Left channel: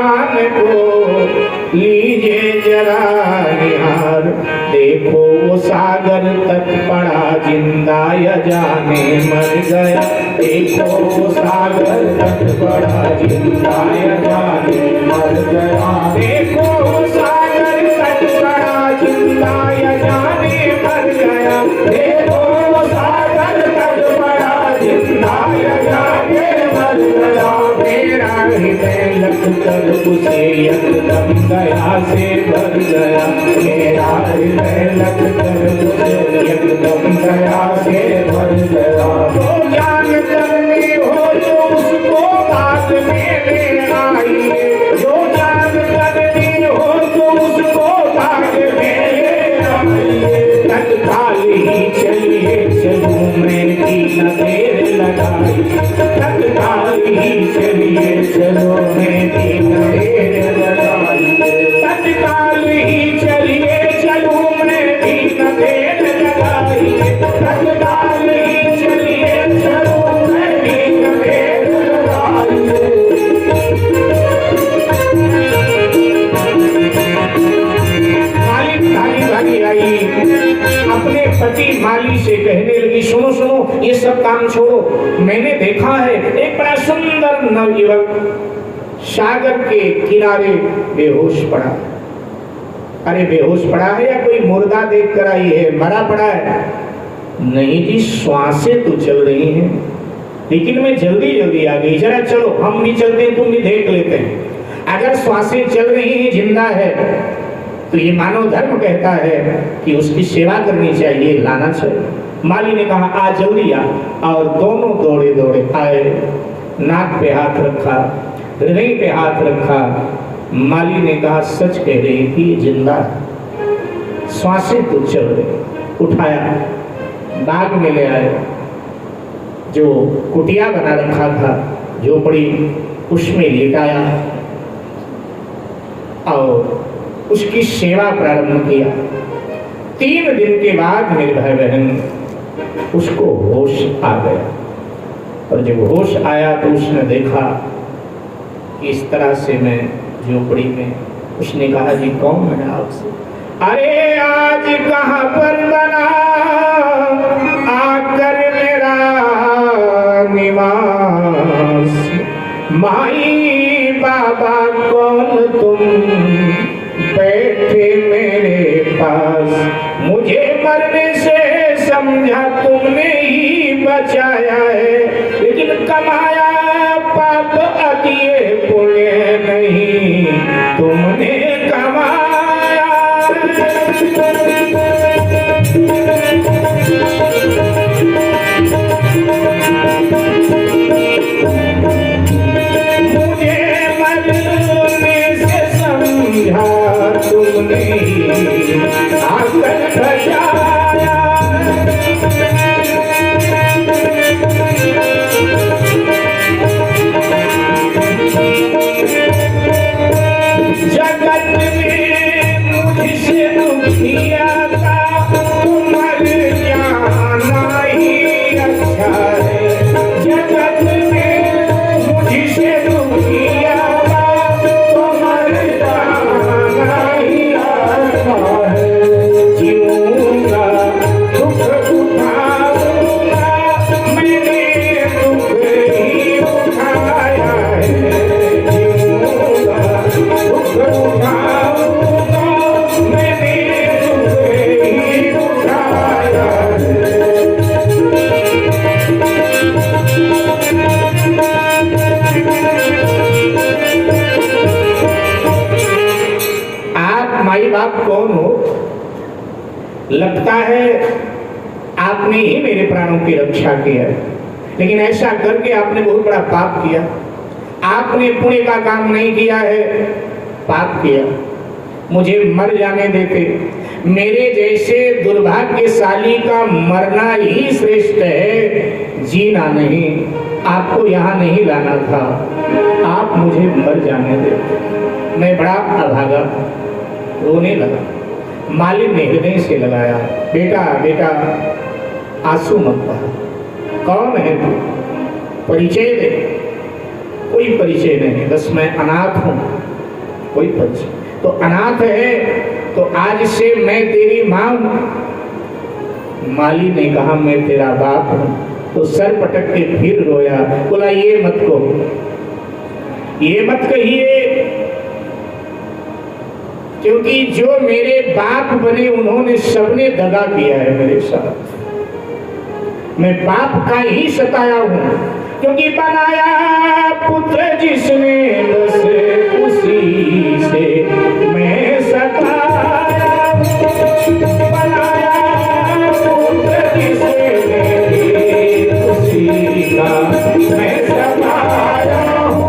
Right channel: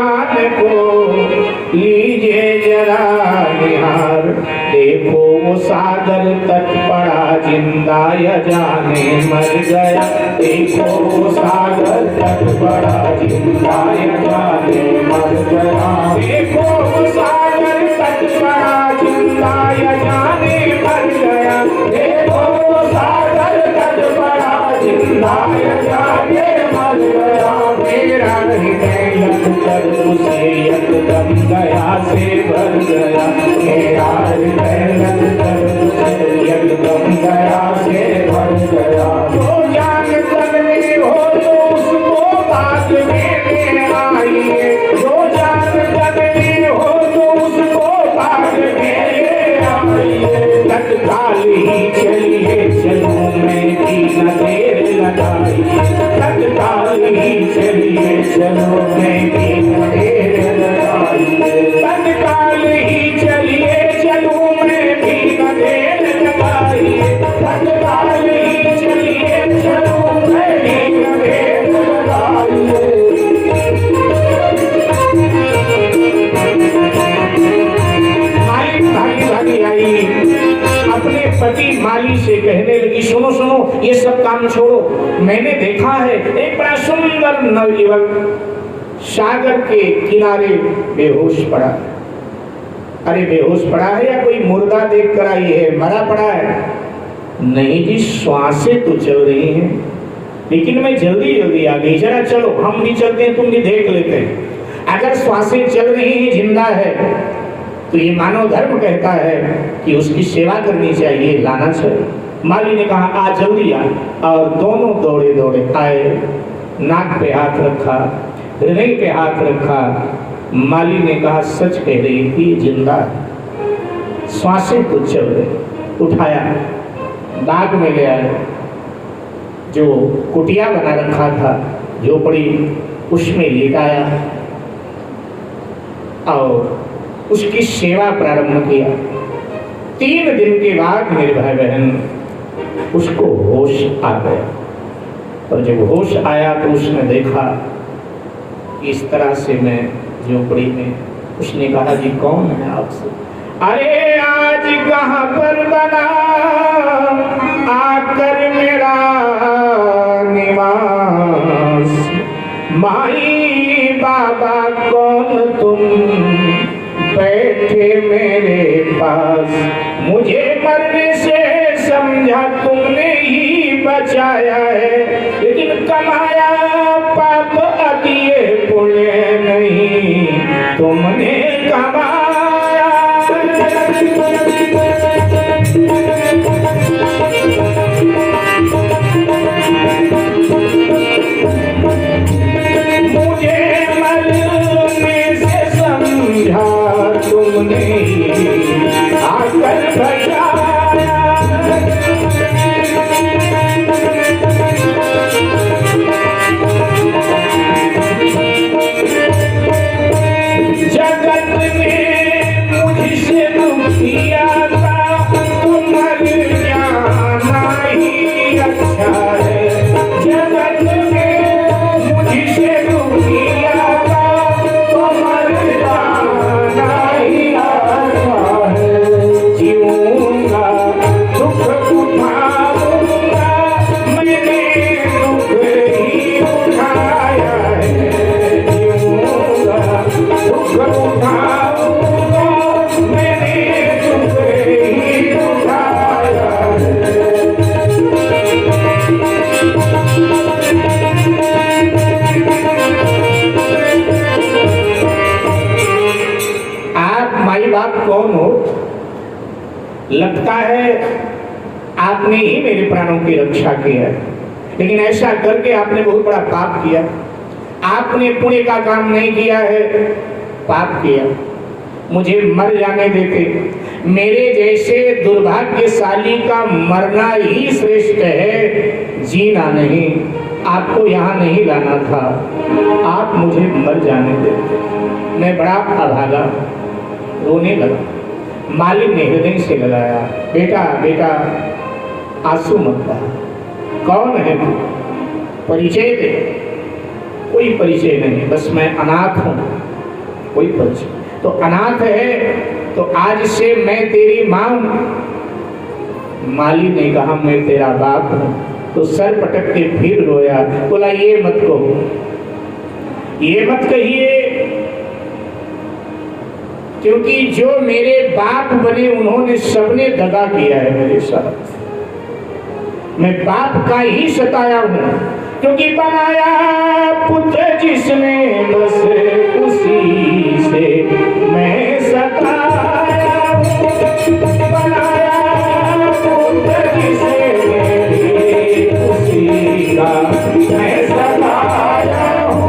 को लीजिए जरा निहार, देखो वो सागर तट पड़ा जिंदा या जाने मर गया। देखो वो सागर तट पड़ा जिंदा या जाने मर गया। देखो वो सागर तट पड़ा जिंदा या जाने मर गया। देखो वो सागर तट पड़ा जिंदा या जाने मर गया। मेरा हृदय लगकर उसे एकदम दया से भर गया। मेरा हृदय लगकर उसे एकदम दया से भर गया। वो जान करनी हो तो उसको बाद में ले आइए। जो जान करनी हो तो उसको बाद में ले आइए। तत्काल ही चलिए चलूं मैं की न देर लगाई। तत्काल ही चलिए चलो मैं की न देर लगाई। तत्काल ही चलिए चलूं मैं की न देर लगाई। तत्काल ही चलिए चलूं मैं की न देर लगाई। भागी आई अपने पति माली से कहने लगी, सुनो सुनो ये सब काम छोड़ो। मैंने देखा है एक बड़ा सुंदर नवयुवक सागर के किनारे बेहोश पड़ा। अरे बेहोश पड़ा है या कोई मुर्दा देख कर आई है, मरा पड़ा है? नहीं जी, श्वासें तो चल रही हैं, लेकिन मैं जल्दी जल्दी आ गई। जरा चलो हम भी चलते हैं, तुम भी देख लेते हैं। अगर श्वासें चल रही हैं, जिंदा है, तो ये मानव धर्म कहता है कि उसकी सेवा करनी चाहिए, लाना चाहिए। माली ने कहा आ जल्दी आ, और दोनों दौड़े दौड़े आए। नाक पे हाथ रखा, हृदय पे हाथ रखा। माली ने कहा सच कह रही थी, जिंदा श्वासें तो चल रही। उठाया, बाग में ले आए। जो कुटिया बना रखा था झोपड़ी, उसमें लेटाया और उसकी सेवा प्रारंभ किया। 3 दिन के बाद मेरे भाई बहन उसको होश आ गया, और जब होश आया तो उसने देखा इस तरह से मैं झोपड़ी में। उसने कहा जी कौन है आपसे? अरे आज कहाँ पर बना आकर मेरा निवास। माई बाबा कौन तुम बैठे मेरे पास। मुझे मरने से समझा तुमने ही बचाया है, लेकिन कमाया पाप अकिए पुण्य नहीं तुमने कमाया। मुझे मरने से समझा तुमने आकर बचाया। जगत में मुझसे दुखिया था, तुम मर जाना ही अच्छा है। जगत में मुझसे दुखिया था, तुम मर जाना ही अच्छा है। जीऊंगा दुख उठाऊंगा, मैंने दुख ही उठाया है। जीऊंगा दुख उठाऊंगा, मैंने दुख ही उठाया है। आप माई बाप कौन हो? लगता है आपने ही मेरे प्राणों की रक्षा की है, लेकिन ऐसा करके आपने बहुत बड़ा पाप किया। आपने पुण्य का काम नहीं किया है, पाप किया। मुझे मर जाने देते। मेरे जैसे दुर्भाग्यशाली का मरना ही श्रेष्ठ है, जीना नहीं। आपको यहाँ नहीं लाना था, आप मुझे मर जाने देते। मैं बड़ा अभागा, रोने लगा। मालिक ने हृदय से लगाया, बेटा बेटा आंसू मत बहा। कौन है तू? परिचय दे। कोई परिचय नहीं, बस मैं अनाथ हूं, कोई परिचय। तो अनाथ है तो आज से मैं तेरी मां हूं। माली ने कहा मैं तेरा बाप हूं, तो सर पटक के फिर रोया, बोला ये मत कहो, ये मत कहिए, क्योंकि जो मेरे बाप बने उन्होंने सबने दगा किया है मेरे साथ। मैं बाप का ही सताया हूं, क्योंकि बनाया पुत्र जिसने बस उसी से मैं सताया हूं। बनाया पुत्र जिसने उसी का मैं सताया हूं।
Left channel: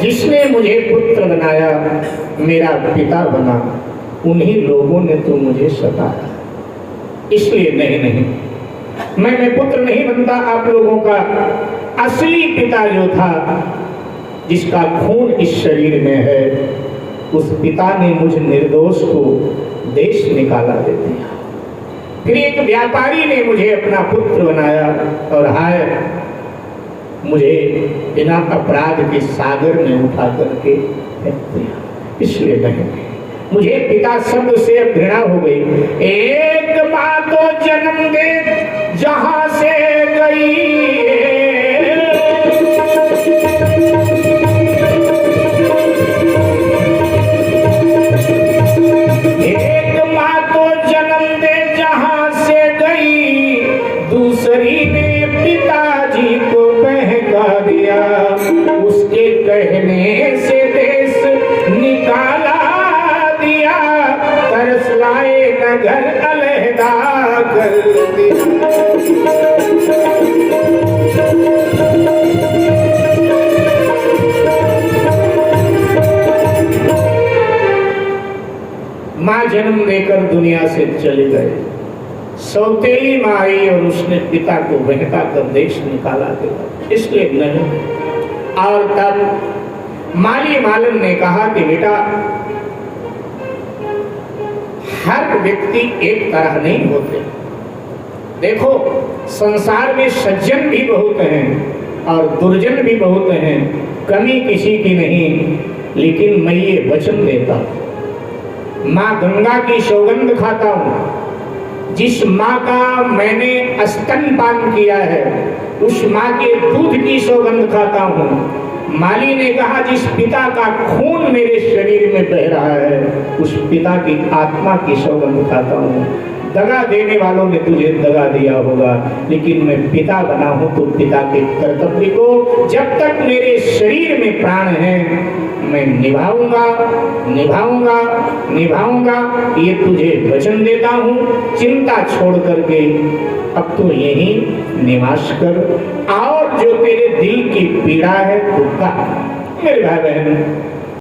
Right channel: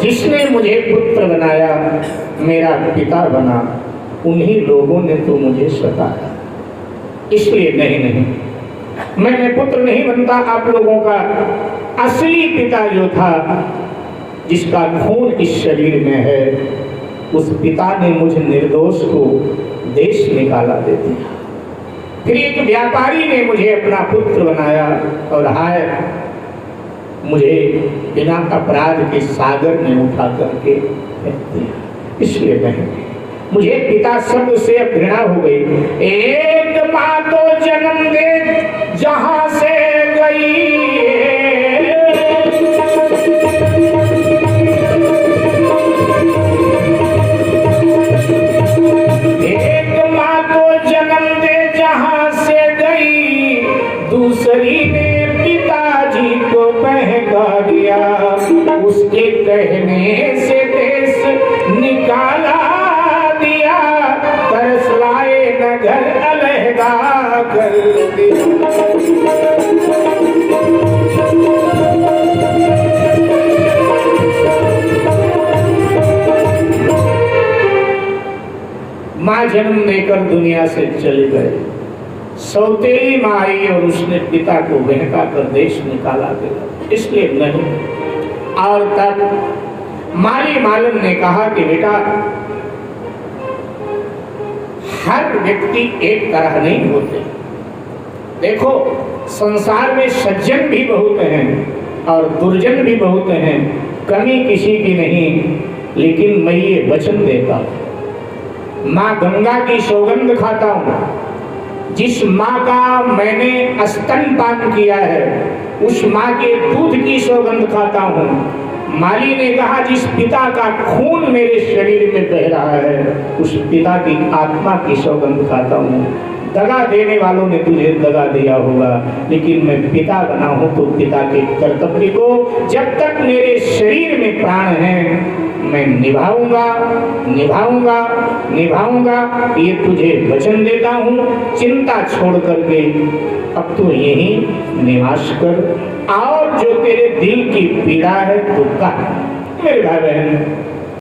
जिसने मुझे पुत्र बनाया, मेरा पिता बना, उन्हीं लोगों ने तो मुझे सताया। इसलिए नहीं, मैं पुत्र नहीं बनता। आप लोगों का असली पिता जो था, जिसका खून इस शरीर में है, उस पिता ने मुझ निर्दोष को देश निकाला दे दिया। फिर एक व्यापारी ने मुझे अपना पुत्र बनाया और हाय मुझे बिना अपराध के सागर में उठा करके फेंक दिया। इसलिए नहीं, मुझे पिता शब्द से घृणा हो गई। एक माँ तो जन्म दे जहां से गई, एक माँ तो जन्म दे जहां से गई, दूसरी ने पिताजी को बहका दिया। उसके कहने से देश निकाला दिया, तरस लाए न घर अलहदा कर दिया। माँ जन्म देकर दुनिया से चली गई, सौतेली माँ आई और उसने पिता को बहका कर देश निकाला दिया। इसलिए नहीं। और तब माली मालन ने कहा कि बेटा, हर व्यक्ति एक तरह नहीं होते। देखो संसार में सज्जन भी बहुत हैं और दुर्जन भी बहुत हैं, कमी किसी की नहीं। लेकिन मैं ये वचन देता हूं, माँ गंगा की सौगंध खाता हूं। जिस माँ का मैंने स्तनपान किया है, उस माँ के दूध की सौगंध खाता हूँ। माली ने कहा जिस पिता का खून मेरे शरीर में बह रहा है, उस पिता की आत्मा की सौगंध खाता हूँ। दगा देने वालों ने तुझे दगा दिया होगा, लेकिन मैं पिता बना हूँ तो पिता के कर्तव्य को जब तक मेरे शरीर में प्राण है मैं निभाऊंगा, निभाऊंगा, निभाऊंगा। ये तुझे वचन देता हूँ। चिंता छोड़ करके अब तो यही निवास कर, और जो तेरे दिल की पीड़ा है तो कह। मेरे भाई बहन,